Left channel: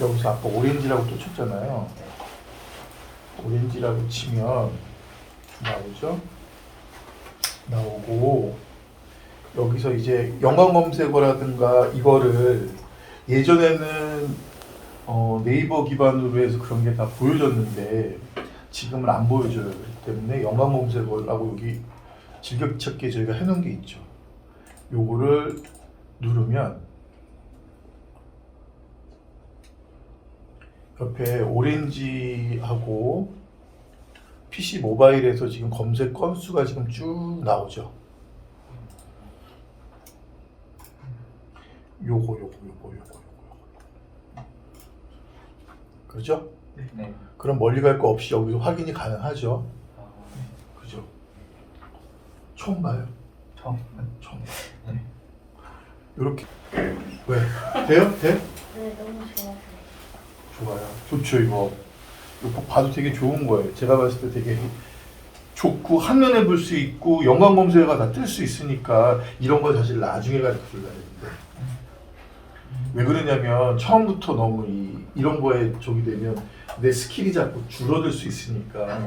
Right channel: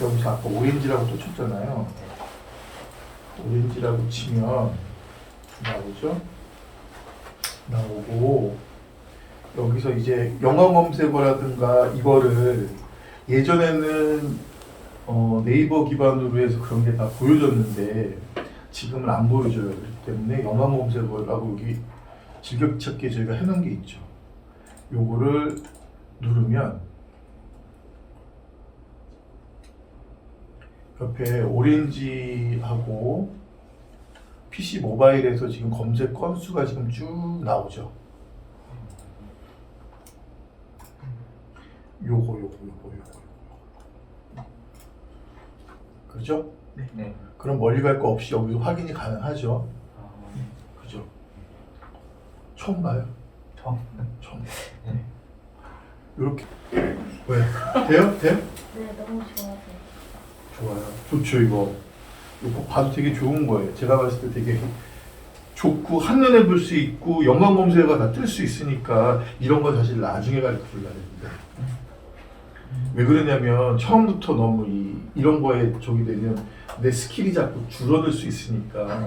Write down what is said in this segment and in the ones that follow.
여기서 아까 오렌지라고 또 쳤잖아요. 오렌지라고 치면 나오죠? 나오고 여기서 이제 연관 검색어라든가 이거를 예전에는 네이버 기반으로 해서 그런 게 다 보여졌는데 지금은 안 보여져요. 그렇기 때문에 연관 검색어라고 여기 즐겨찾기에 저희가 해놓은 게 있죠. 요거를 누르면 옆에 오렌지하고 PC 모바일에서 지금 검색 건수가 지금 쭉 나오죠. 요거. 그렇죠? 네. 그럼 멀리 갈 거 없이 여기서 확인이 가능하죠. 그죠? 처음 봐요. 처음. 처음. 네. 이렇게 왜? 돼요? 돼? 네, 너무 좋아요. 좋아요. 좋죠 이거. 이거 봐도 되게 좋은 거예요. 제가 봤을 때 되게 좋고 한눈에 볼 수 있고 연관 검색어가 다 뜰 수 있으니까 이런 거 사실 나중에 가르쳐 줘야 되는데 왜 그러냐면 처음부터 너무 이런 거에 저기 되면 내 스킬이 자꾸 줄어들 수 있으니까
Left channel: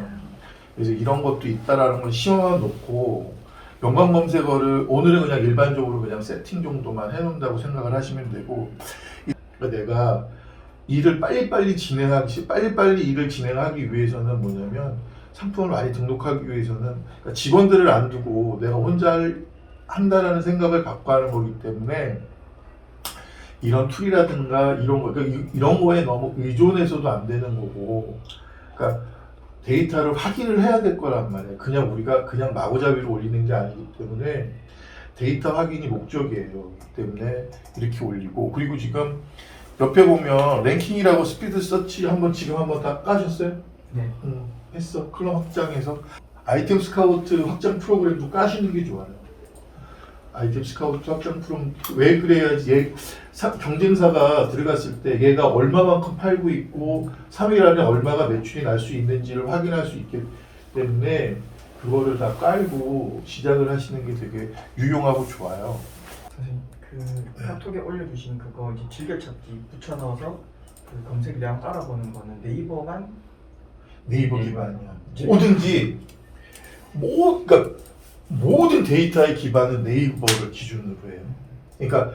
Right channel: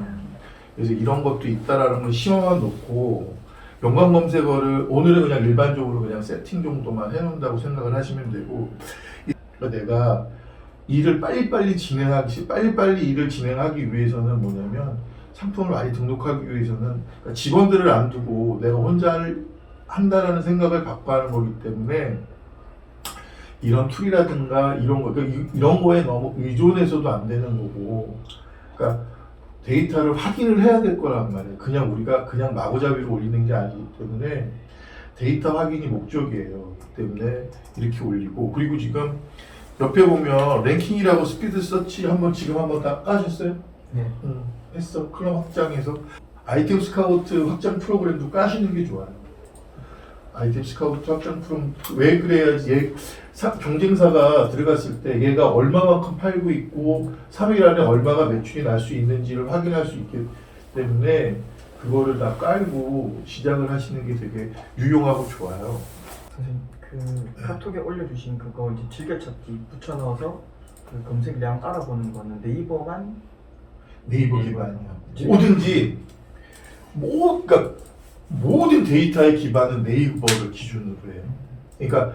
그래서 이런 것도 있다라는 걸 심어만 놓고 연관 검색어를 오늘은 그냥 일반적으로 그냥 세팅 정도만 해놓는다고 생각을 하시면 되고 그러니까 내가 일을 빨리빨리 일을 진행하기 위해서는 뭐냐면 상품을 많이 등록하기 위해서는 그러니까 직원들을 안 두고 내가 혼자 한다라는 생각을 갖고 하는 거기 때문에 이런 툴이라든가 이런 거 그러니까 이런 거에 너무 의존해서도 안 되는 거고 그러니까 데이터를 확인을 해야 될 거란 말이에요. 그냥 우리가 그냥 마구잡이로 올리는 게 아니기 때문에 데이터 확인이 목적이에요. 그렇기 때문에 이렇게 올리고 그리고 지금 옆에 보면 랭킹이라고 스피드 서치 지금 한번 다 까셨어요? 네. 했어. 클럽 확장해서 아이템 스카우트 확장 프로그램도 까시는 게 좋아요. 아이템 스카우트 확장 프로그램 왜 그래야지 경쟁사가 들어갔을 때 얘가 얼마만큼 팔고 있고 3일 안에 얼마가 매출이 날 수 있는지를 확인할 수 있기 때문에 그거를 다 깔고 시작을 하시는 게 되게 유용하고 좋아요. 선생님 그 카톡에 올려주신 그거 이제 즐겨찾기 붙여넣어서 그 검색량 알아보는 거는 네이버 기반이야. 뭐든지 그러니까 모든 데이터의 기반은 네이버를 기준으로 해요. 그러니까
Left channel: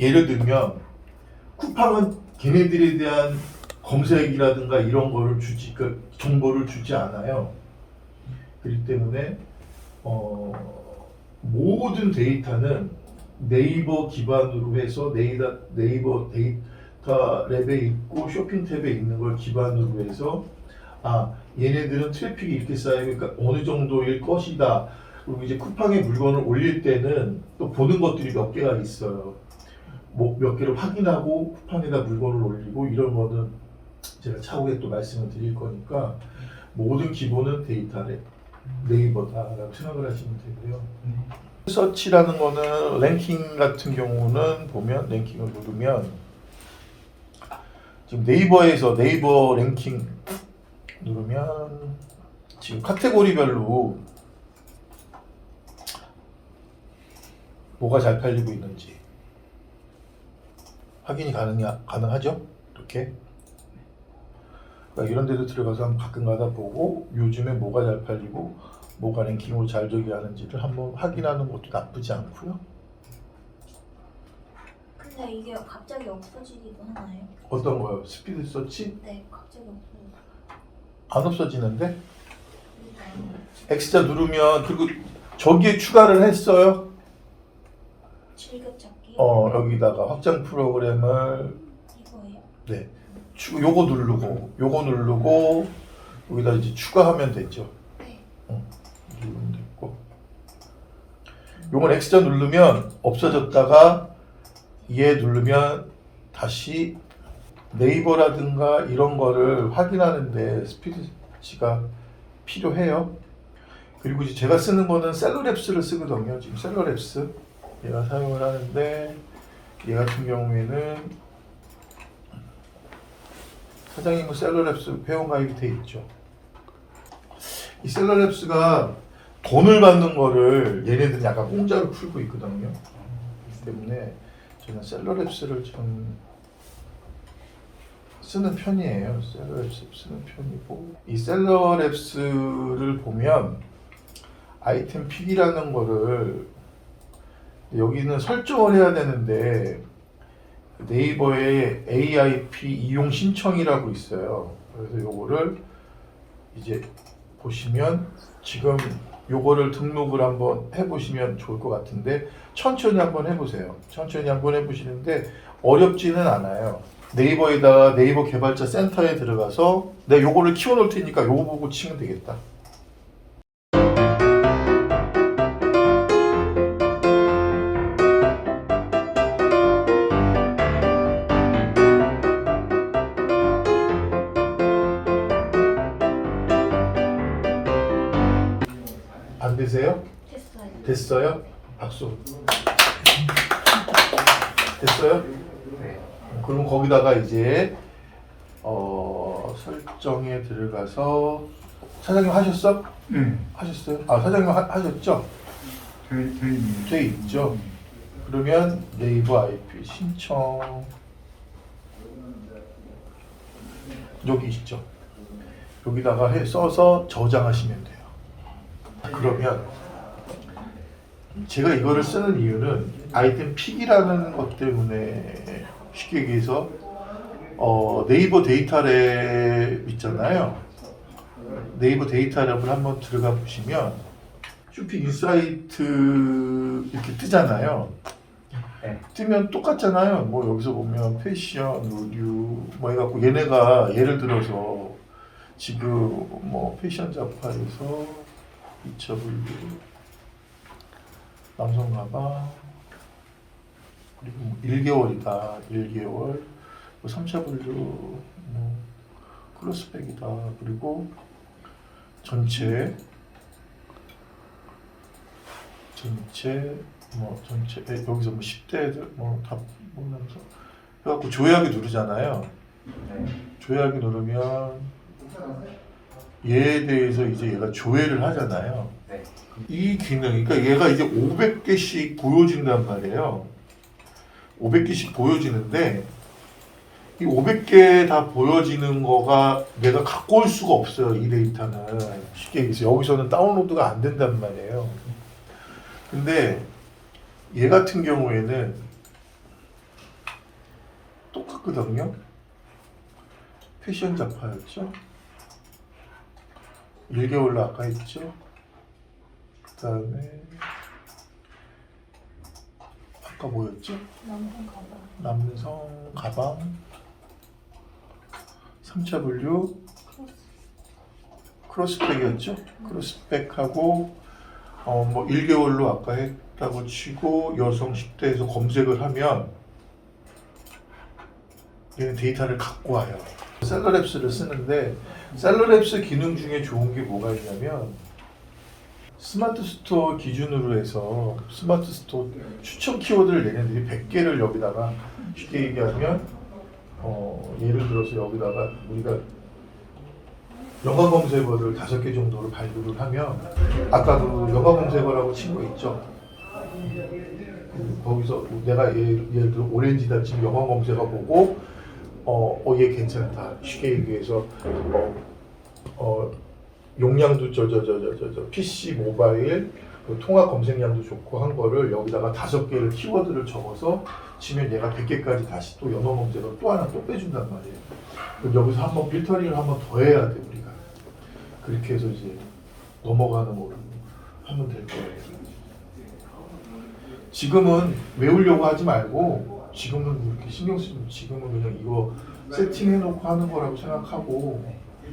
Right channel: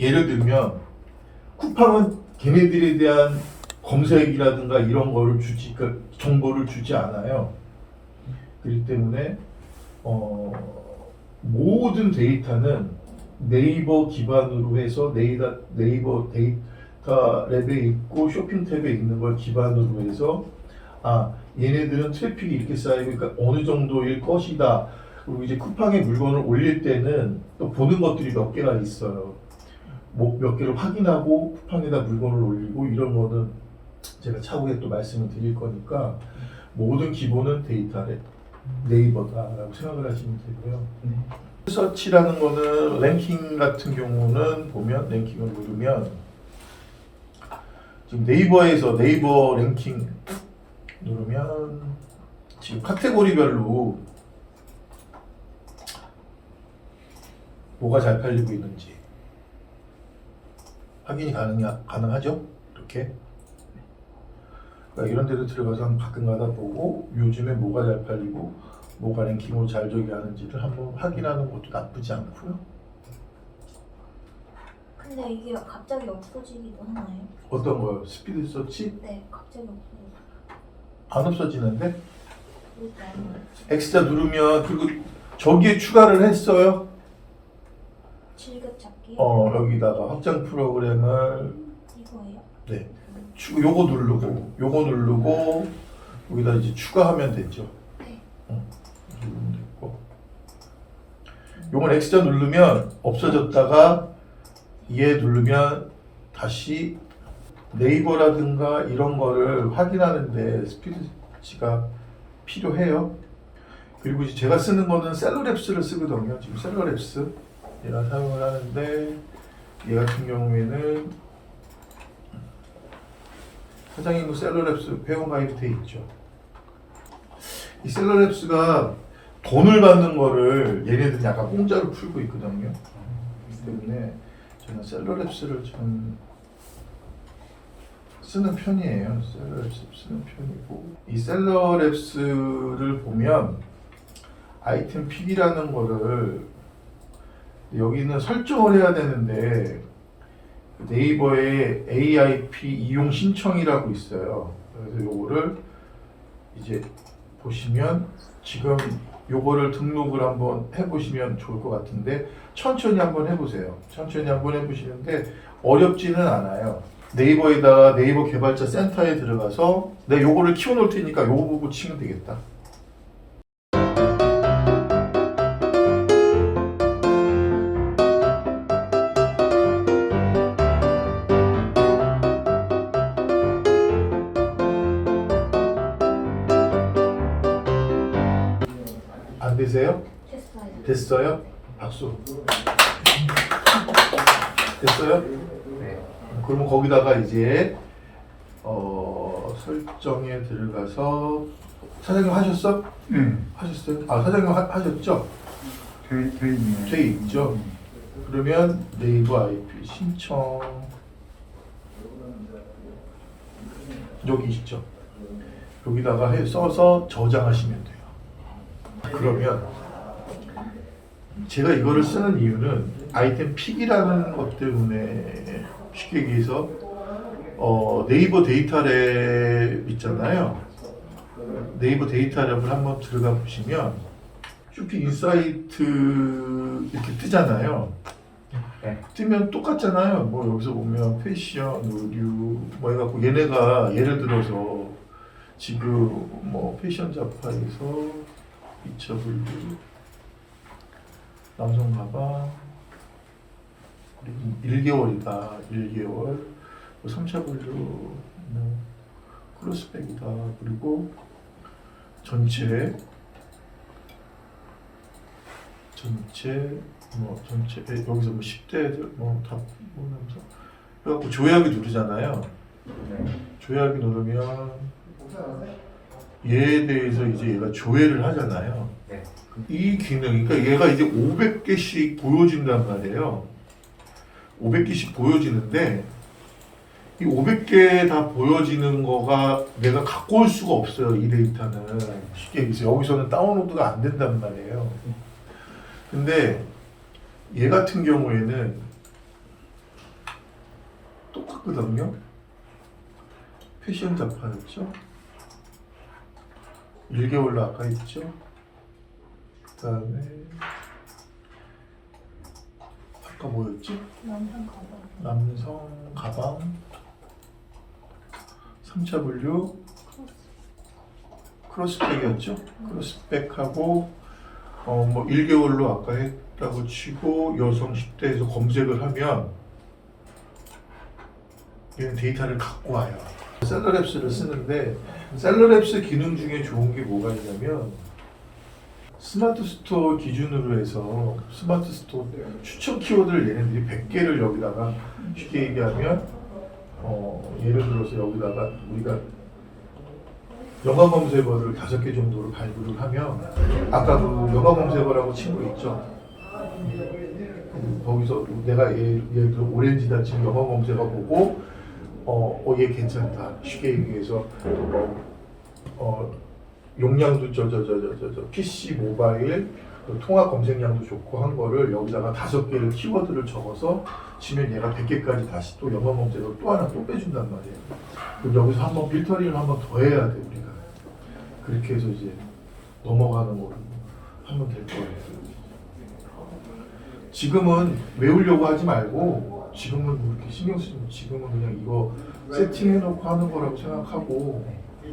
예를 들면 쿠팡은 걔네들에 대한 검색이라든가 이런 거를 그 정보를 주지 않아요. 그렇기 때문에 모든 데이터는 네이버 기반으로 해서 네이버 데이터 랩에 있고 쇼핑 탭에 있는 걸 기반으로 해서 얘네들은 트래픽이 이렇게 쌓이고 그러니까 어느 정도일 것이다. 그리고 이제 쿠팡에 물건을 올릴 때는 또 보는 것들이 몇 개가 있어요. 뭐 몇 개를 확인하고 쿠팡에다 물건을 올리고 이런 거는 제가 차후에 또 말씀을 드릴 거니까 모든 기본은 데이터래 네이버다라고 생각을 하시면 되고요. 서치라는 거는 랭킹 같은 경우는 보면 랭킹을 누르면 지금 네이버에서 네이버 랭킹 누르면 지금 카테고리별로 뭐가 잘 팔리고 있는지 확인이 가능하죠? 이렇게 그러니까 이런 데도 들어가서 한번 가끔가다 보고 요즘에 뭐가 잘 팔리고 뭐가 랭킹으로 잘 저기 하는지를 한번 확인하는 것도 나쁘지 않고요. 근데 이게 갑자기 없어지기도 하나요? 어떤 거요? 스피드 서치? 네, 갑자기 없어져요. 안 없어지는데? 일단 X자 누르면 그리고 저기에 추가를 했어요. 즐겨찾기. 여기다가 확장 프로그램을 이거예요? 네. 요거 누르고 여기다 이제 추가하면 되죠. 네. 누르면 됐고. 요건 X자 누르면 없어졌다가 얘 누르면 다시 네이버라든가 이런 거를 확인하는데 스피드치가 필요해요. 그리고 이제 제가 쓰는 거는 셀러랩스를 쓰거든요. 지금 셀러랩스 얘가 사용을 하는데 얘 같은 경우에는 사장님은 셀러랩스 회원가입이 돼 있죠. 이 셀러랩스가 돈을 받는 거를 얘네들은 약간 공짜로 풀고 있거든요. 때문에 저는 셀러랩스를 좀 쓰는 편이에요. 셀러랩스 쓰는 편이고, 이 셀러랩스를 보면 아이템 픽이라는 거를 여기는 설정을 해야 되는데 네이버에 AIP 이용 신청이라고 있어요. 그래서 요거를 이제 보시면 지금 요거를 등록을 한번 해보시면 좋을 것 같은데 천천히 한번 해보세요. 천천히 한번 해보시는데 어렵지는 않아요. 네이버에다가 네이버 개발자 센터에 들어가서 내가 요거를 키워놓을 테니까 요거 보고 치면 되겠다. 안 되세요? 됐어요. 됐어요? 박수. 됐어요? 그러면 거기다가 이제 설정에 들어가서 사장님 하셨어? 네. 하셨어요? 아 사장님 하셨죠? 돼 있죠. 그러면 네이버 IP 신청 여기 있죠. 여기다가 써서 저장하시면 돼요. 그러면 제가 이거를 쓰는 이유는 아이템 픽이라는 것 때문에 쉽게 얘기해서 네이버 데이터랩 있잖아요. 네이버 데이터랩을 한번 들어가 보시면 쇼핑 인사이트 이렇게 뜨잖아요. 네. 뜨면 똑같잖아요. 뭐 여기서 보면 패션, 의류 뭐 해갖고 얘네가 예를 들어서 지금 뭐 패션 잡화에서 2차분류 남성 가방 그리고 1개월이다. 1개월 3차 분류 뭐 크로스백이다. 그리고 전체 여기서 뭐 10대들 뭐다 보면서 그래갖고 조회하기 누르잖아요. 조회하기 누르면 얘에 대해서 이제 얘가 조회를 하잖아요. 네. 이 기능, 그러니까 얘가 이제 500개씩 보여진단 말이에요. 500개씩 보여지는데 이 500개 다 보여지는 거가 내가 갖고 올 수가 없어요. 이 데이터는 쉽게 얘기해서 여기서는 다운로드가 안 된단 말이에요. 근데 얘 같은 경우에는 똑같거든요. 패션 잡화였죠. 1개월로 아까 했죠. 그 다음에 아까 뭐였죠? 남성 가방. 남성 가방 3차 분류 크로스백이었죠. 크로스백하고 뭐 1개월로 아까 했다고 치고 여성 10대에서 검색을 하면 얘는 데이터를 갖고 와요. 셀러랩스를 쓰는데 셀러랩스 기능 중에 좋은 게 뭐가 있냐면 스마트 스토어 기준으로 해서 스마트 스토어 추천 키워드를 얘네들이 100개를 여기다가 쉽게 얘기하면 예를 들어서 여기다가 우리가 영화 검색어를 5개 정도로 발굴을 하면 아까 그 영화 검색어라고 친 거 있죠? 거기서 내가 예를 들어 오렌지다 지금 영화 검색어 보고 얘 괜찮다 쉽게 얘기해서 용량도 PC 모바일 통합 검색량도 좋고 한 거를 여기다가 5개를 키워드를 적어서 치면 얘가 100개까지 다시 또 영어 검색어를 또 하나 또 빼준단 말이에요. 그럼 여기서 한번 필터링을 한번 더 해야 돼 우리가. 그렇게 해서 이제 넘어가는 거로 하면 될 거예요. 지금은 외우려고 하지 말고 지금은 그렇게 신경 쓰지 말고 지금은 그냥 이거 세팅해놓고 하는 거라고 생각하고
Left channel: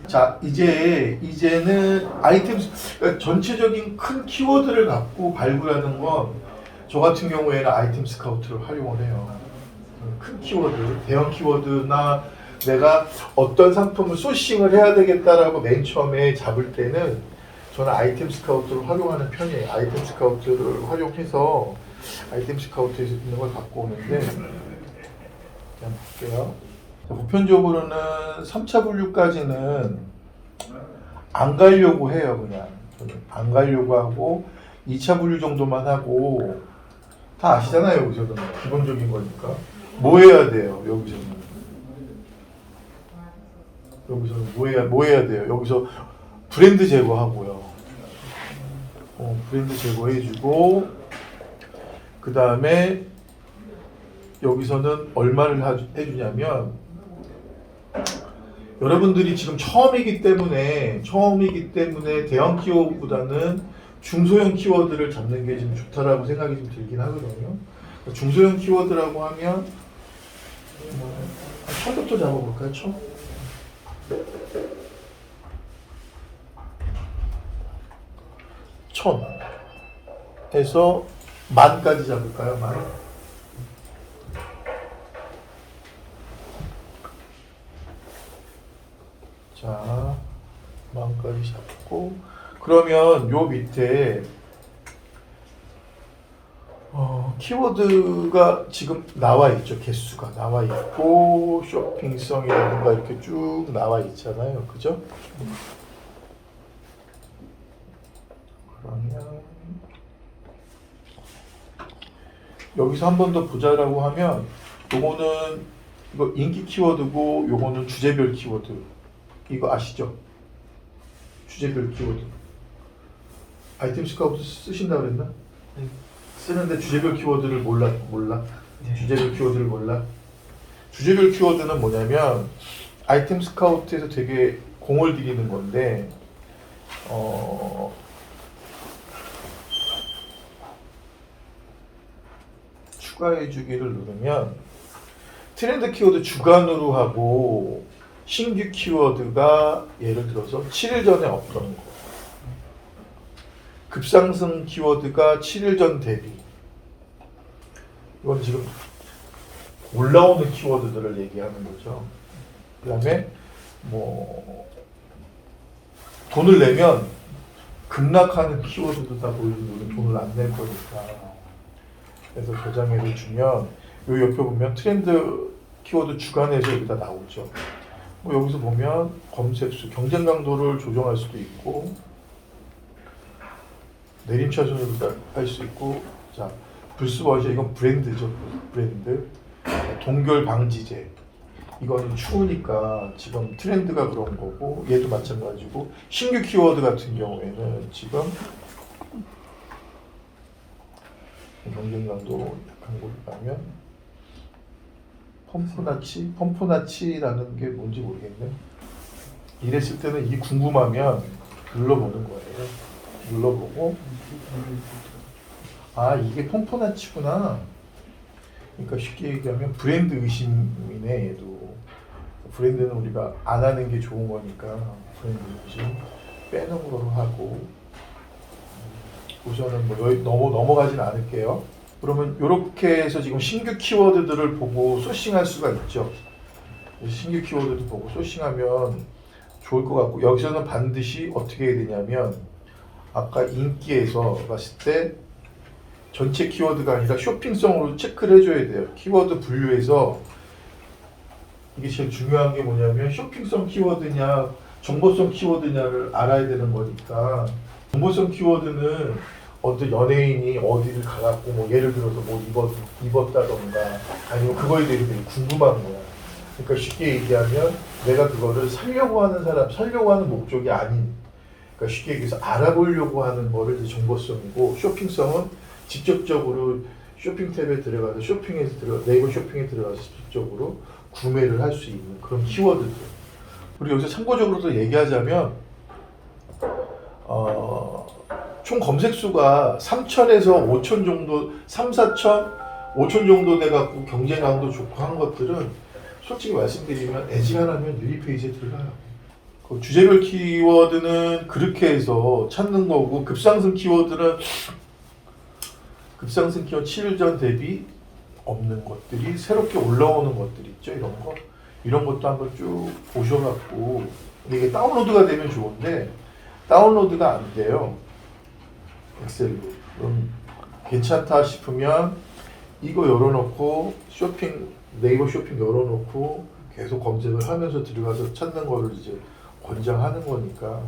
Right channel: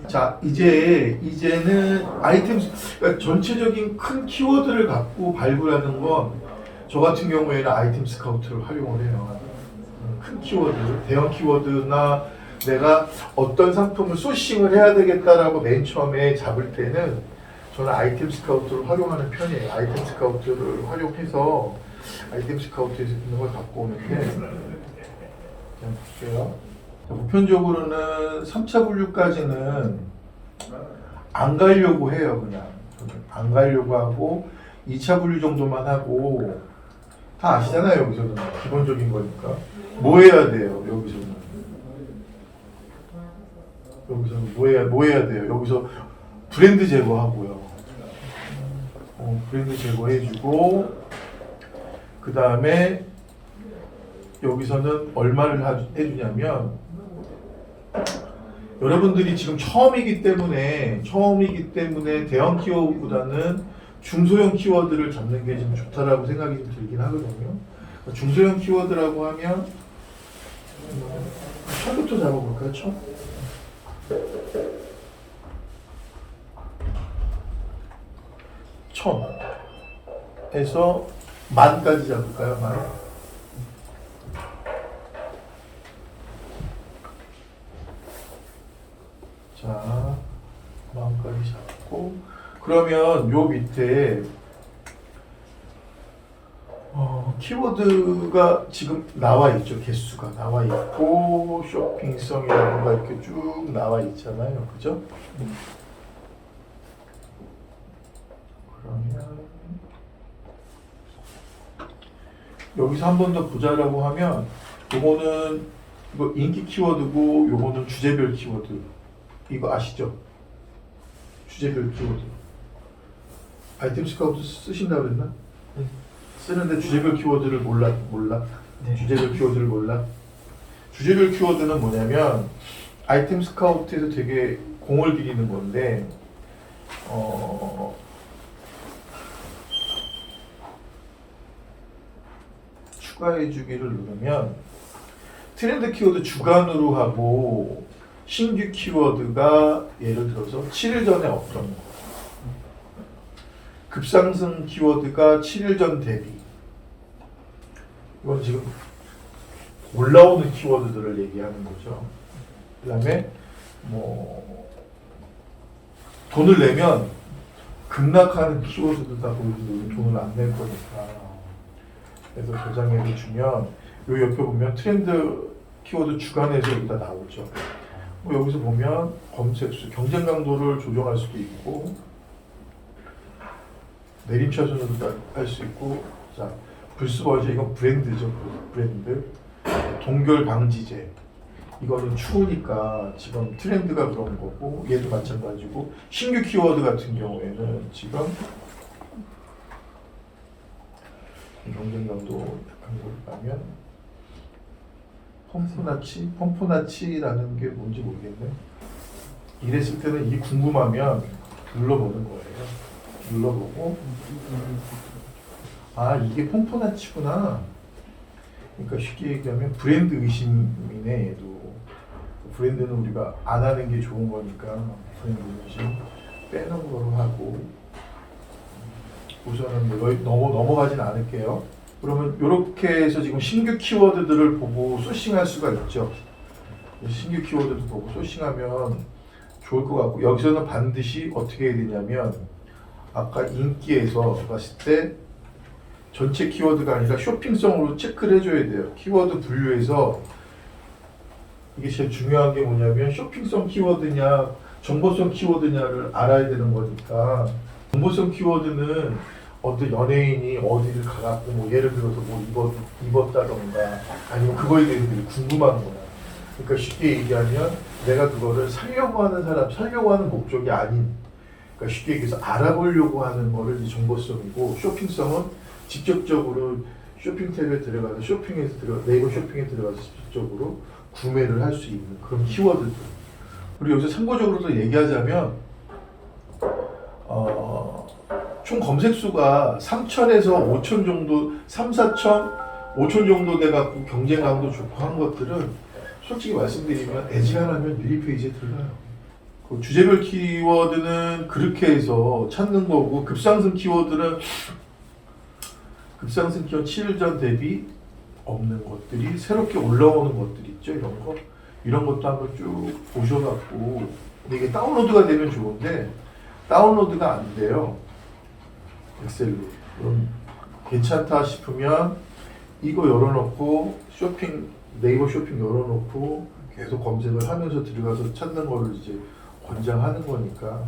자 이제는 아이템 그러니까 전체적인 큰 키워드를 갖고 발굴하는 건 저 같은 경우에는 아이템 스카우트를 활용을 해요. 큰 키워드, 대형 키워드나 내가 어떤 상품을 소싱을 해야 되겠다라고 맨 처음에 잡을 때는 저는 아이템 스카우트를 활용하는 편이에요. 아이템 스카우트를 활용해서 아이템 스카우트에서 있는 걸 갖고 오는데 그냥 볼게요. 보편적으로는 3차 분류까지는 안 가려고 해요. 그냥 저는 안 가려고 하고 2차 분류 정도만 하고 다 아시잖아요. 여기서는 기본적인 거니까 뭐 해야 돼요? 여기서는 뭐 해야 돼요? 여기서 브랜드 제거하고요. 브랜드 제거해주고 그 다음에 여기서는 얼마를 해주냐면 여러분들이 지금 처음이기 때문에 대형 키워드보다는 중소형 키워드를 잡는 게 좀 좋다라고 생각이 좀 들긴 하거든요. 중소형 키워드라고 하면 천부터 잡아볼까요? 천에서 만까지 잡을까요? 만. 자, 만까지 잡고 그러면 요 밑에 키워드가 지금 나와 있죠. 개수가 나와 있고 쇼핑성이라든가 이렇게 쭉 나와 있잖아요. 그죠? 그러면 여기서 한 번 더 보자라고 하면 요거는 이거 인기 키워드고 요거는 주제별 키워드. 이거 아시죠? 주제별 키워드. 아이템 스카우트 쓰신다 그랬나? 네. 쓰는데 주제별 키워드를 몰라? 네. 주제별 키워드를 몰라? 주제별 키워드는 뭐냐면 아이템 스카우트에서 되게 공을 들이는 건데 추가해주기를 누르면 트렌드 키워드 주간으로 하고 신규 키워드가 예를 들어서 7일 전에 없던 거 급상승 키워드가 7일 전 대비 이건 지금 올라오는 키워드들을 얘기하는 거죠. 그 다음에 뭐 돈을 내면 급락하는 키워드도 다 보여주고 돈을 안 낼 거니까 그래서 저장해를 주면 요 옆에 보면 트렌드 키워드 주간에서 여기다 나오죠. 뭐 여기서 보면 검색수, 경쟁 강도를 조정할 수도 있고 내림차순으로도 할 수 있고 자 불스버저 이건 브랜드죠. 브랜드 동결 방지제 이거는 추우니까 지금 트렌드가 그런 거고 얘도 마찬가지고 신규 키워드 같은 경우에는 지금 경쟁 강도 약한 곳 가면 펌프나치라는 게 뭔지 모르겠네. 이랬을 때는 이 궁금하면 눌러보는 거예요. 눌러보고 아 이게 펌프나치구나. 그러니까 쉽게 얘기하면 브랜드 의심이네. 얘도 브랜드는 우리가 안 하는 게 좋은 거니까 브랜드 의심 빼는 걸로 하고 우선은 뭐 여기 넘어가진 않을게요. 그러면 이렇게 해서 지금 신규 키워드들을 보고 소싱할 수가 있죠. 신규 키워드도 보고 소싱하면 좋을 것 같고 여기서는 반드시 어떻게 해야 되냐면 아까 인기에서 봤을 때 전체 키워드가 아니라 쇼핑성으로 체크를 해줘야 돼요. 키워드 분류에서 이게 제일 중요한 게 뭐냐면 쇼핑성 키워드냐 정보성 키워드냐를 알아야 되는 거니까 정보성 키워드는 어떤 연예인이 어디를 가갖고 뭐 예를 들어서 뭐 입었다던가 아니면 그거에 대해서 되게 궁금한 거야. 그러니까 쉽게 얘기하면 내가 그거를 사려고 하는 목적이 아닌 그러니까 쉽게 얘기해서 알아보려고 하는 거를 이제 정보성이고 쇼핑성은 직접적으로 쇼핑 탭에 들어가서 네이버 쇼핑에 들어가서 직접적으로 구매를 할 수 있는 그런 키워드들. 그리고 여기서 참고적으로도 얘기하자면 총 검색 수가 3,000에서 5,000 정도, 3, 4,000, 5,000 정도 돼갖고 경쟁 강도 좋고 한 것들은 솔직히 말씀드리면 애지간하면 유리 페이지에 들어가요. 그 주제별 키워드는 그렇게 해서 찾는 거고 급상승 키워드는 급상승 키워드 7일 전 대비 없는 것들이 새롭게 올라오는 것들 있죠. 이런 것도 한번 쭉 보셔갖고 이게 다운로드가 되면 좋은데 다운로드가 안 돼요. 엑셀로. 그럼 괜찮다 싶으면 이거 열어놓고 네이버 쇼핑 열어놓고 계속 검색을 하면서 들어가서 찾는 거를 이제 권장하는 거니까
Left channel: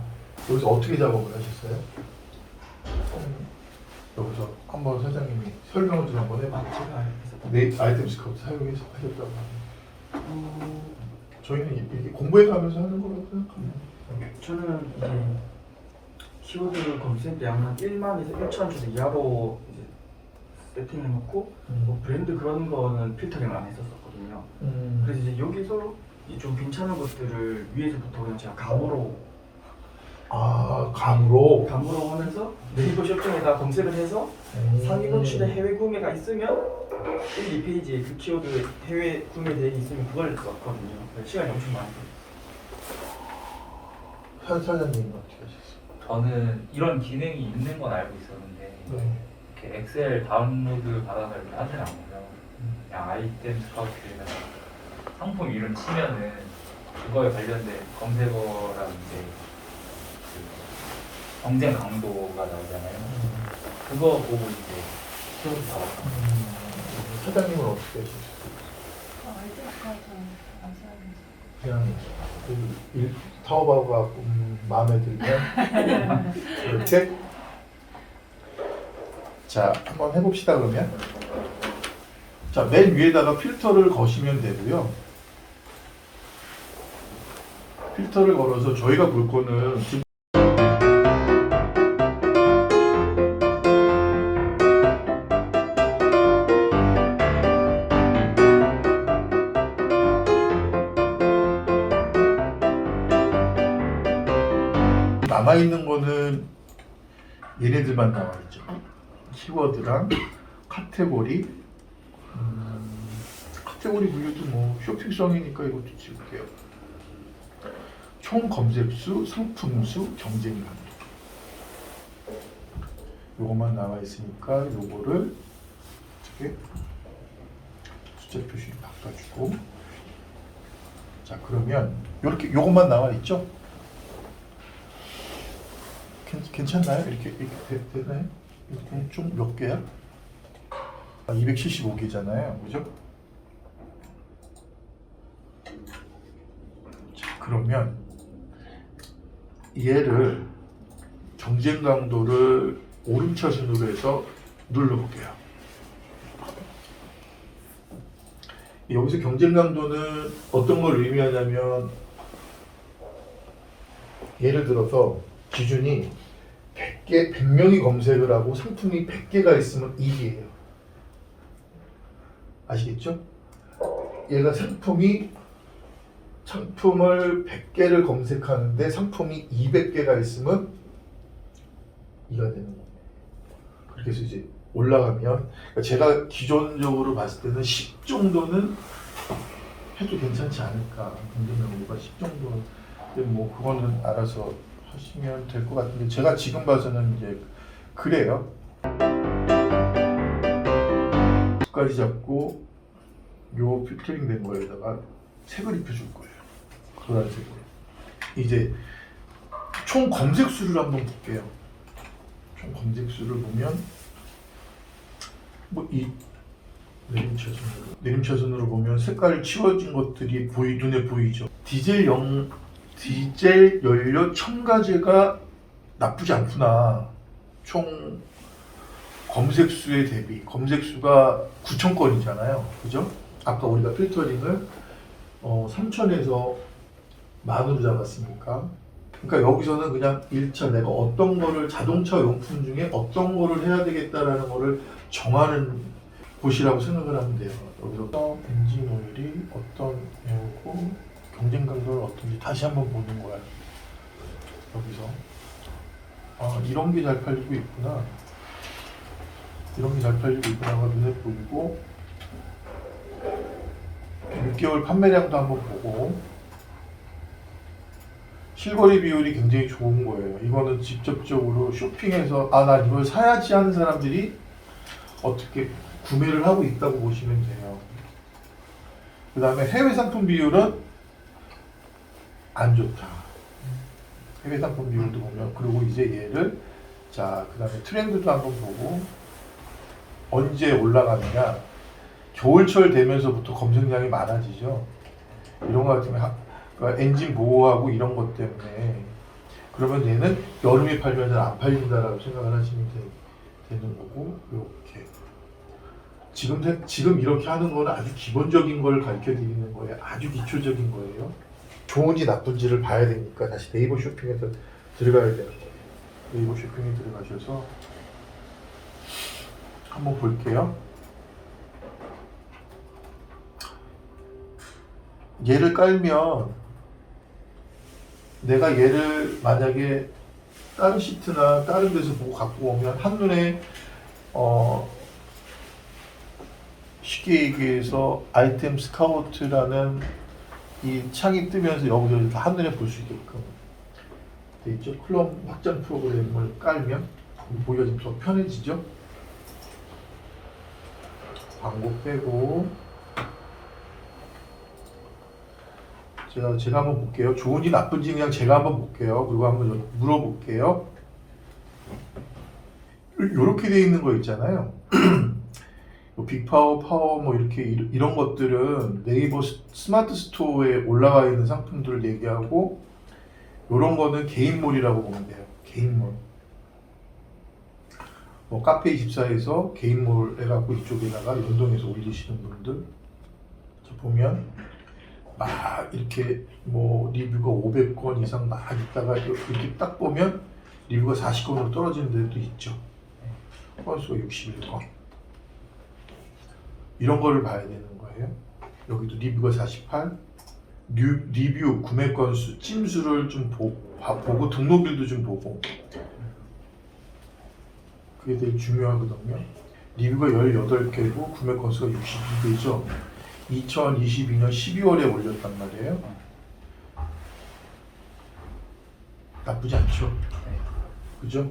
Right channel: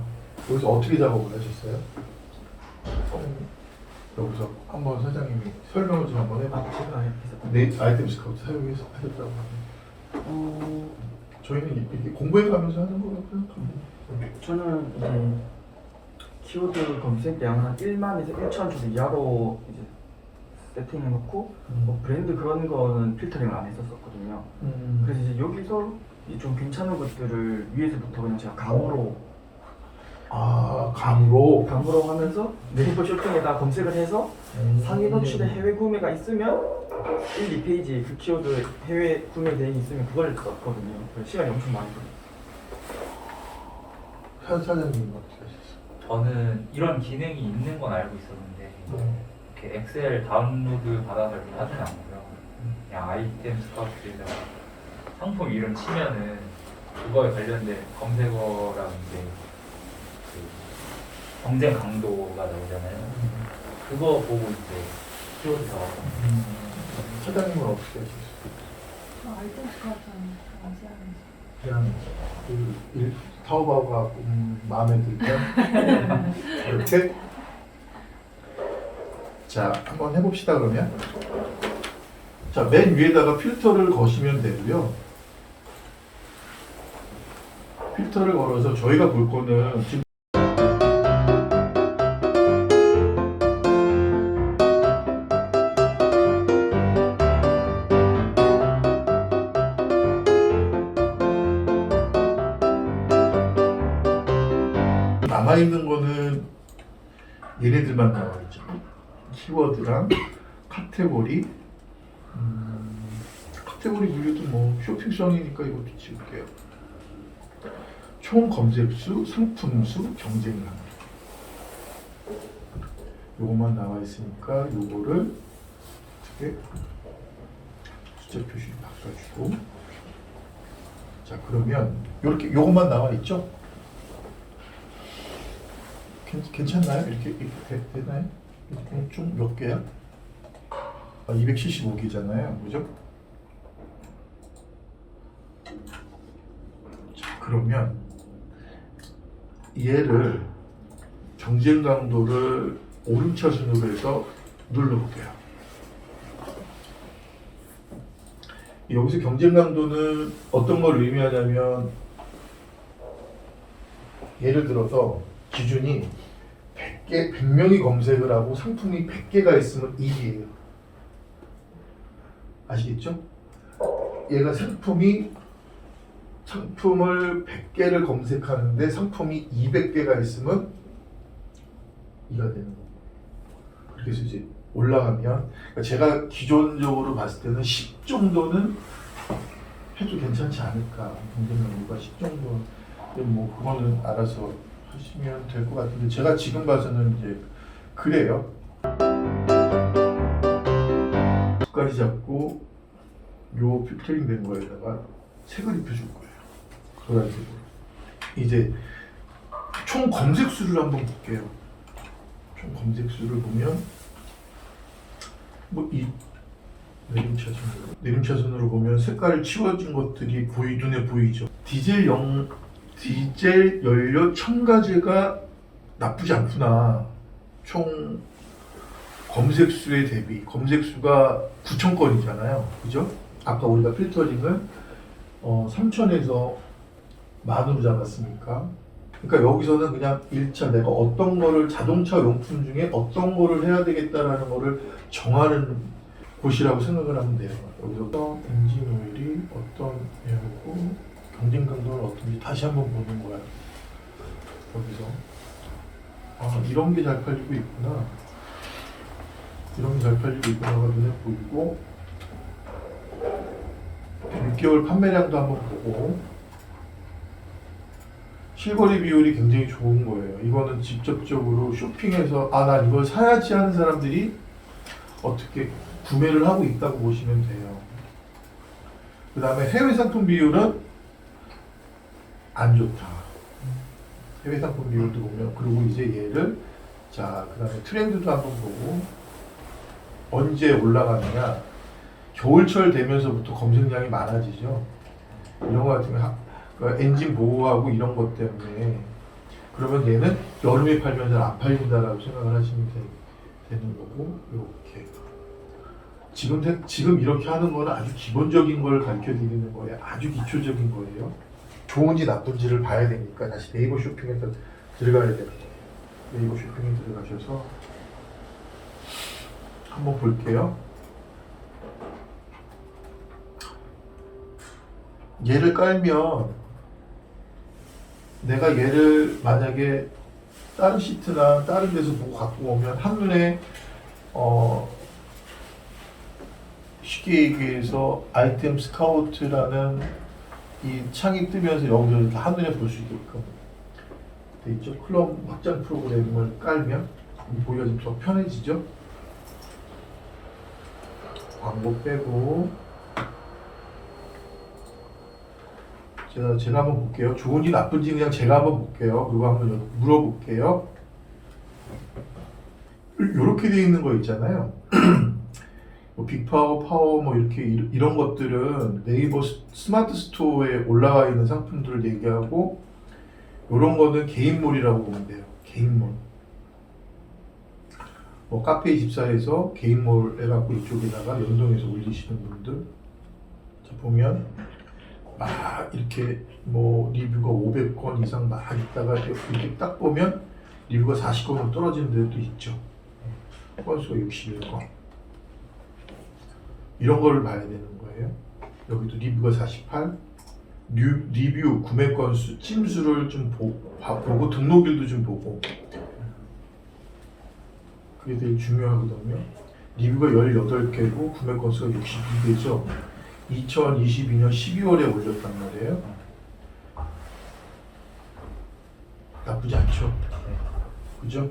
여기서 어떻게 작업을 하셨어요? 여기서 한번 사장님이 설명을 좀 한번 해볼게요. 제가 알겠습니다. 네, 아이템 스카우트 사용해서 하셨다고 하네요. 저희는 이렇게 공부해 가면서 하는 거라고 생각합니다. 저는 이제 키워드 검색량 한 1만에서 1천 정도 이하로 이제 세팅해놓고 뭐 브랜드 그런 거는 필터링을 안 했었거든요. 그래서 이제 여기서 좀 괜찮은 것들을 위에서부터 그냥 제가 감으로 감으로 하면서 네이버 쇼핑에다 검색을 해서 상위 노출에 해외 구매가 있으면 1, 2페이지에 그 키워드 해외 구매 대행이 있으면 그걸 썼거든요. 그래서 시간이 엄청 많이 걸렸어요. 사장님은 어떻게 하셨어요? 저는 이런 기능이 있는 건 알고 있었는데 네. 이렇게 엑셀 다운로드 받아서 이렇게 하진 않고요. 그냥 아이템 스카우트에서 상품 이름 치면은 그거에 관련된 검색어라든지 그 경쟁 강도가 나오잖아요. 그거 보고 이제 키워드 나와요. 사장님은 어떻게 하셨어요? 아이템 스카우트는 안 쓰는데. 그냥 그 타오바오가 마음에 들면 이렇게 자 한번 해봅시다. 그러면 자 맨 위에다가 필터를 거시면 되고요. 필터를 걸어서 저희가 볼 거는 지금 남아있는 거는 얘네들만 남아있죠. 키워드랑 카테고리 카테고리 분류도 뭐 쇼핑성이니까 이것도 지울게요. 총 검색수, 상품수, 경쟁 강도 요것만 나와있으니까 요거를 어떻게 숫자 표시 바꿔주고 자 그러면 요렇게 요것만 나와있죠? 괜찮나요? 이렇게 되나요? 이렇게 좀 몇 개야? 275개잖아요, 그죠? 자, 그러면 얘를 경쟁 강도를 오름차순으로 해서 눌러볼게요. 여기서 경쟁 강도는 어떤 걸 의미하냐면 예를 들어서 기준이 100명이 검색을 하고 상품이 100개가 있으면 1위예요. 아시겠죠? 얘가 상품을 100개를 검색하는데 상품이 200개가 있으면 2가 되는 거예요. 그렇게 해서 이제 올라가면 그러니까 제가 기존적으로 봤을 때는 10 정도는 해도 괜찮지 않을까. 경쟁 강도가 10 정도. 뭐 그거는 알아서 하시면 될 것 같은데 제가 지금 봐서는 이제 그래요. 끝까지 잡고 요 필터링 된 거에다가 색을 입혀줄 거예요. 노란색으로. 이제 총 검색 수를 한번 볼게요. 총 검색 수를 보면 뭐 이 내림차순으로 보면 색깔 치워진 것들이 눈에 보이죠. 디젤 연료 첨가제가 나쁘지 않구나. 총 검색수에 대비 검색수가 9,000건이잖아요. 그죠? 아까 우리가 필터링을 3,000에서 만으로 잡았으니까. 그러니까 여기서는 그냥 1차 내가 어떤 거를 자동차 용품 중에 어떤 거를 해야 되겠다라는 거를 정하는 곳이라고 생각을 하면 돼요. 여기서 엔진 오일이 어떤 애고 경쟁 강도는 어떤지 다시 한번 보는 거야. 여기서 이런 게 잘 팔리고 있구나. 이런 게 잘 팔리고 있구나가 눈에 보이고 6개월 판매량도 한번 보고 실거래 비율이 굉장히 좋은 거예요. 이거는 직접적으로 쇼핑해서 난 이걸 사야지 하는 사람들이 어떻게 구매를 하고 있다고 보시면 돼요. 그 다음에 해외 상품 비율은 안 좋다. 해외 상품 비율도 보면 그리고 이제 얘를 자 그 다음에 트렌드도 한번 보고 언제 올라가느냐 겨울철 되면서부터 검색량이 많아지죠. 이런 거 같으면 그러니까 엔진 보호하고 이런 것 때문에 그러면 얘는 여름에 팔면 잘 안 팔린다라고 생각을 하시면 되는 거고 이렇게 지금 이렇게 하는 거는 아주 기본적인 걸 가르쳐 드리는 거예요. 아주 기초적인 거예요. 좋은지 나쁜지를 봐야 되니까 다시 네이버 쇼핑에 들어가야 되는 거예요. 네이버 쇼핑에 들어가셔서 한번 볼게요. 얘를 깔면 내가 얘를 만약에 다른 시트나 다른 데서 보고 갖고 오면 한눈에 쉽게 얘기해서 아이템 스카우트라는 이 창이 뜨면서 여기서 다 한눈에 볼 수 있게끔 돼 있죠. 클럽 확장 프로그램을 깔면 보기가 좀 더 편해지죠. 광고 빼고 제가 한번 볼게요. 좋은지 나쁜지 그냥 제가 한번 볼게요. 그리고 한번 물어볼게요. 이렇게 돼 있는 거 있잖아요. 뭐 빅파워, 파워 뭐 이렇게 이런 것들은 네이버 스마트 스토어에 올라와 있는 상품들을 얘기하고 이런 거는 개인몰이라고 보면 돼요. 개인몰. 뭐 카페24에서 개인몰 해갖고 이쪽에다가 연동해서 올리시는 분들 자 보면 막 이렇게 뭐 리뷰가 500건 이상 막 있다가 이렇게 딱 보면 리뷰가 40건으로 떨어지는 데도 있죠. 건수가 61건. 이런 걸 봐야 되는 거예요. 여기도 리뷰가 48, 리뷰 구매 건수, 찜수를 좀 보고 등록일도 좀 보고 그게 되게 중요하거든요. 리뷰가 18개고 구매 건수가 62개죠. 2022년 12월에 올렸단 말이에요. 나쁘지 않죠. 그죠?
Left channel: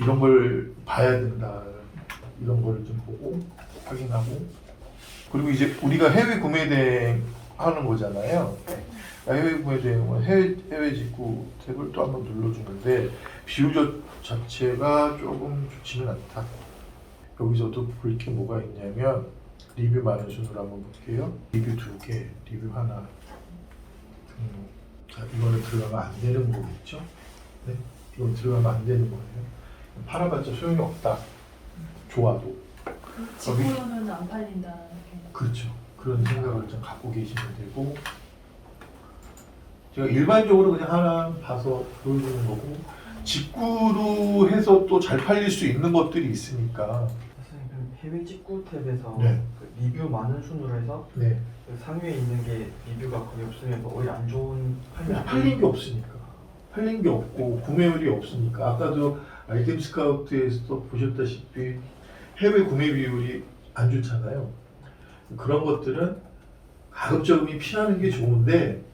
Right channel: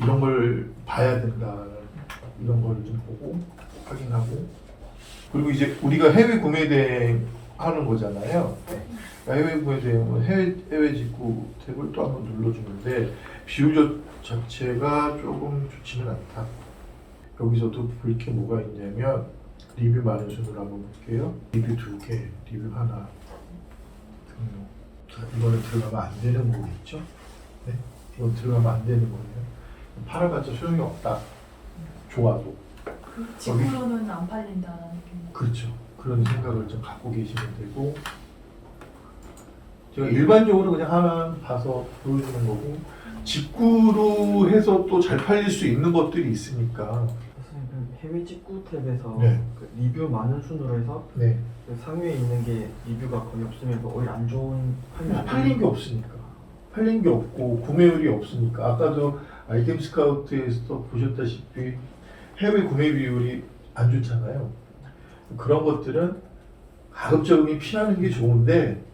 이런 걸 봐야 된다. 이런 거를 좀 보고 확인하고 그리고 이제 우리가 해외 구매 대행 하는 거잖아요. 해외 구매 대행은 해외 직구 탭을 또 한번 눌러주는데 비율 자체가 조금 좋지는 않다. 여기서도 볼 게 뭐가 있냐면 리뷰 많은 순으로 한번 볼게요. 리뷰 2개, 리뷰 하나. 자, 이거는 들어가면 안 되는 거겠죠? 네, 이건 들어가면 안 되는 거예요. 팔아봤자 소용이 없다. 좋아도. 직구로는 안 팔린다는 느낌. 그렇죠. 그런 생각을 좀 갖고 계시면 되고 제가 일반적으로 그냥 하나 봐서 보여주는 거고 직구로 해서 또 잘 팔릴 수 있는 것들이 있으니까 선생님 해외 직구 탭에서 네. 그 리뷰 많은 순으로 해서 네. 그 상위에 있는 게 리뷰가 거의 없으면서 오히려 안 좋은 그냥 팔린 게 없으니까 팔린 게 없고 구매율이 없으니까 아까도 아이템 스카우트에서 보셨다시피 해외 구매 비율이 안 좋잖아요. 그런 것들은 가급적이면 피하는 게 좋은데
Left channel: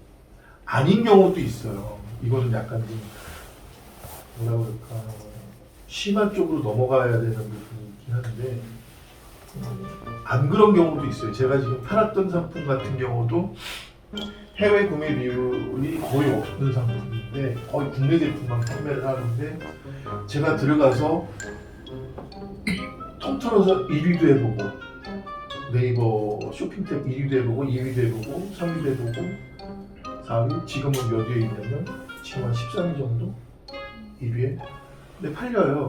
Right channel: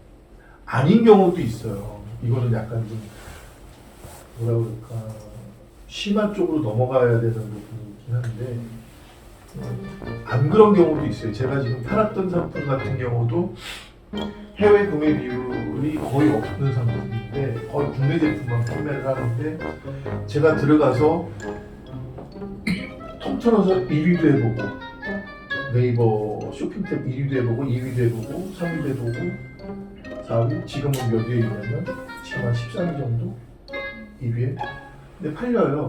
아닌 경우도 있어요. 이거는 약간 좀 뭐라 그럴까 심한 쪽으로 넘어가야 되는 부분이 있긴 한데 안 그런 경우도 있어요. 제가 지금 팔았던 상품 같은 경우도 해외 구매 비율이 거의 없는 상품인데 거의 국내 제품만 판매를 하는데 제가 들어가서 통틀어서 1위도 해보고 네이버 쇼핑탭 1위도 해보고 2위도 해보고 3위도 해보고 4위 지금은 몇 위에 있냐면 지금 한 13위 정도 2위에 근데 팔려요.